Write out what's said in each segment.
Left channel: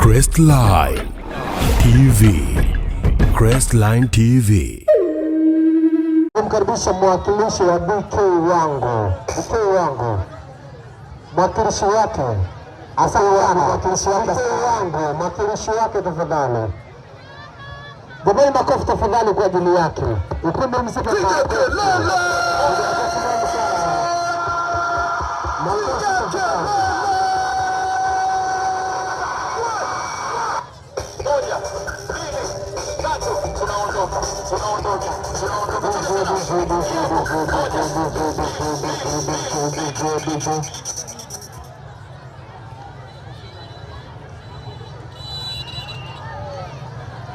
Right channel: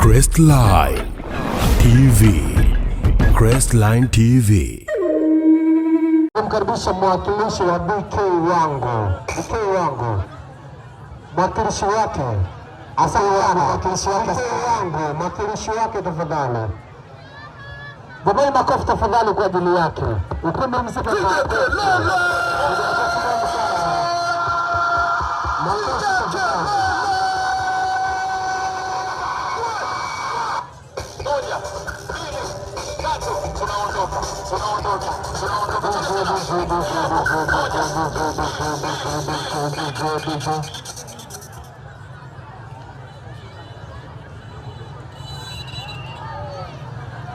Crestline TV. Crestline TV. Mkaribisha mwakilishi wa BK wangu. BK wangu. Mwakilishi wake. Asante mwakilishi wake. BK wangu, mwakilishi wake tafadhali. Jamani makofi tafadhali kwa ajili yake. Ukumbi mzito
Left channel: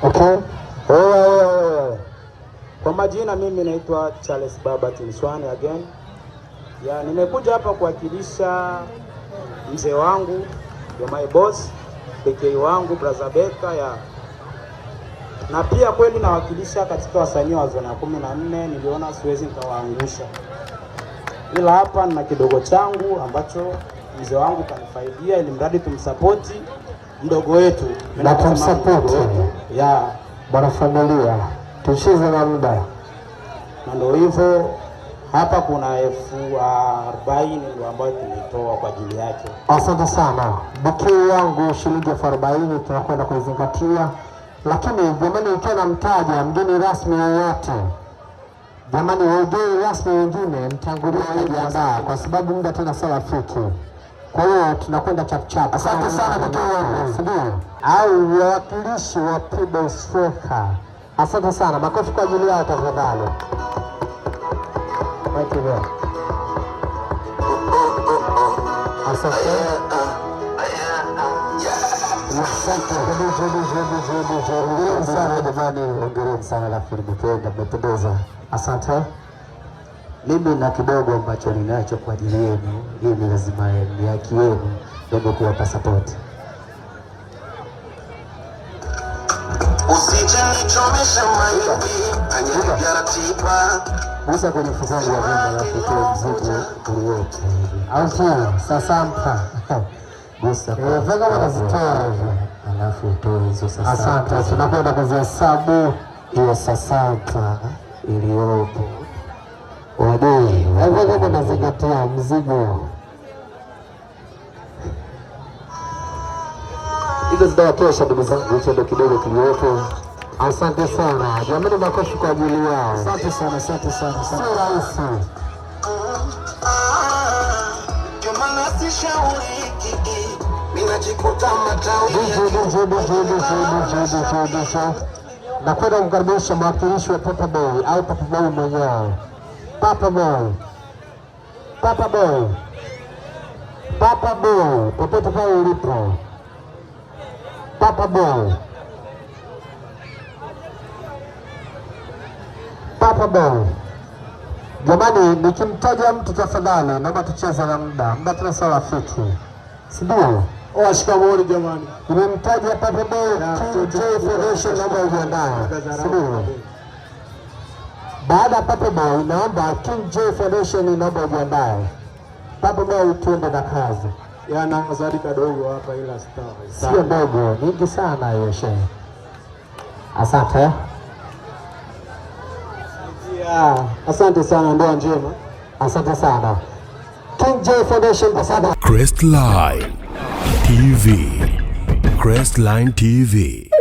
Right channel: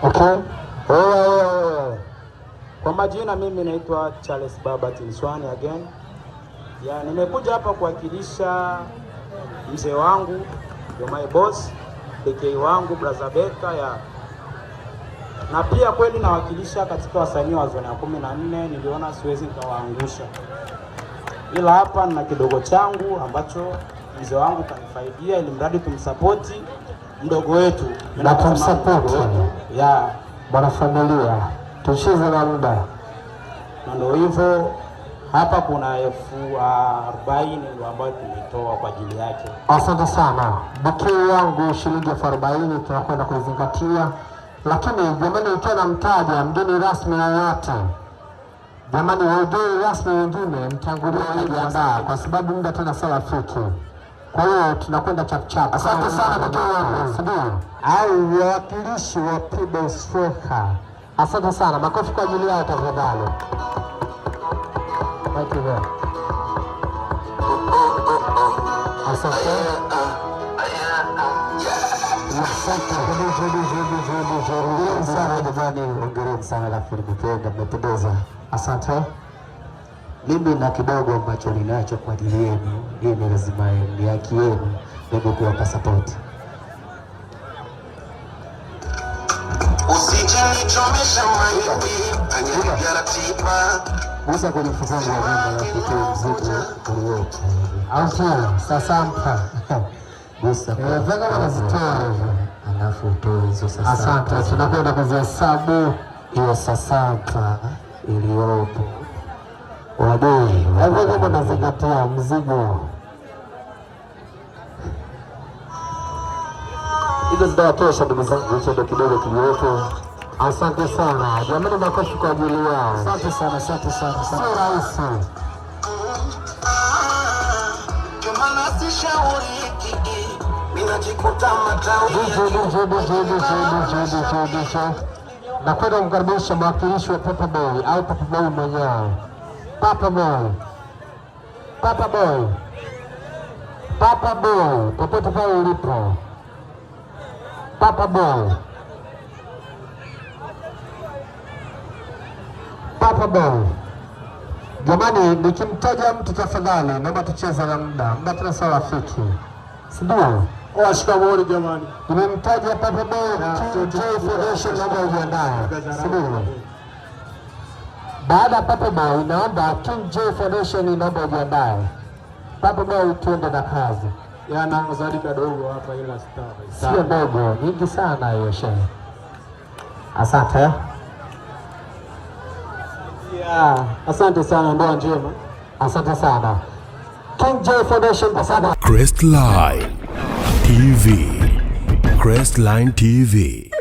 Okay. Kwa majina mimi naitwa Charles Baba Tinswani again. Nimekuja hapa kuwakilisha mzee wangu, my boss, PK wangu, brother Beka na pia kweli nawakilisha katika wasanii wa zona 14. Niliona siwezi nikawaangusha, ila hapa na kidogo changu ambacho mzee wangu kanifaidia, ili mradi tumsapoti mdogo wetu na tumsapoti bwana familia tucheze na muda. Na ndio hivyo hapa kuna 40,000 ndio ambayo tumetoa kwa ajili yake. Asante sana BK wangu, shilingi 40,000 tunakwenda kuzingatia. Lakini jamani, ukiwa na mtaja mgeni rasmi yoyote, jamani wageni rasmi wengine mtangulia kujiandaa kwa sababu muda tena sio rafiki. Kwa hiyo tunakwenda chap chap. Asante sana BK wangu. Au wawakilishi wa People Stroker. Asante sana. Makofi kwa ajili yao tafadhali. Thank you. Asante. Asante. Mimi na kidogo ambacho ninacho kwa ajili yenu, hii lazima ni haki yenu ndio kuwapa support. Usijinichomesha mahindi anyagia ratiba Musa kwenye fukongo wa vyema ya kutoa mzigo uliopo au sasampa Musa vanga wanazitoa alafu utoe hizo sasa. Asante, tunakwenda kuzihesabu hiyo sasampa iliyopo wadai vanga nazingatia mzigo hizo zinatosha ndugu zangu, hicho ndio kidogo kiliopo. Asante sana jamani, makofi kwa ajili yao. Asante sana, asante sana. Sio rahisi. Jumana sishauri kiki ninajikuta matao Nakwenda kumkaribisha mwakilishi wa Papa Boy au Papa Boy mwenyewe. Papa Boy, Papa Boy, Papa Boy, popote pale ulipo, Papa Boy, Papa Boy. Jamani, nikimtaja mtu tafadhali naomba tucheze na muda tena sawa rafiki, si ndio? Shikamoo jamani. Nimemtaja Papa Boy, KJ Foundation, naomba ujiandae, si ndio? Baada ya Papa Boy naomba KJ Foundation, naomba ujiandae. Papa Boy tuende na kazi. Na azadi kadogo hapa ila sio ndogo, nyingi sana hiyo shehe. Asante. Asante sana, ndoa njema. Asante sana. KJ Foundation asante. Crestline TV. Crestline TV.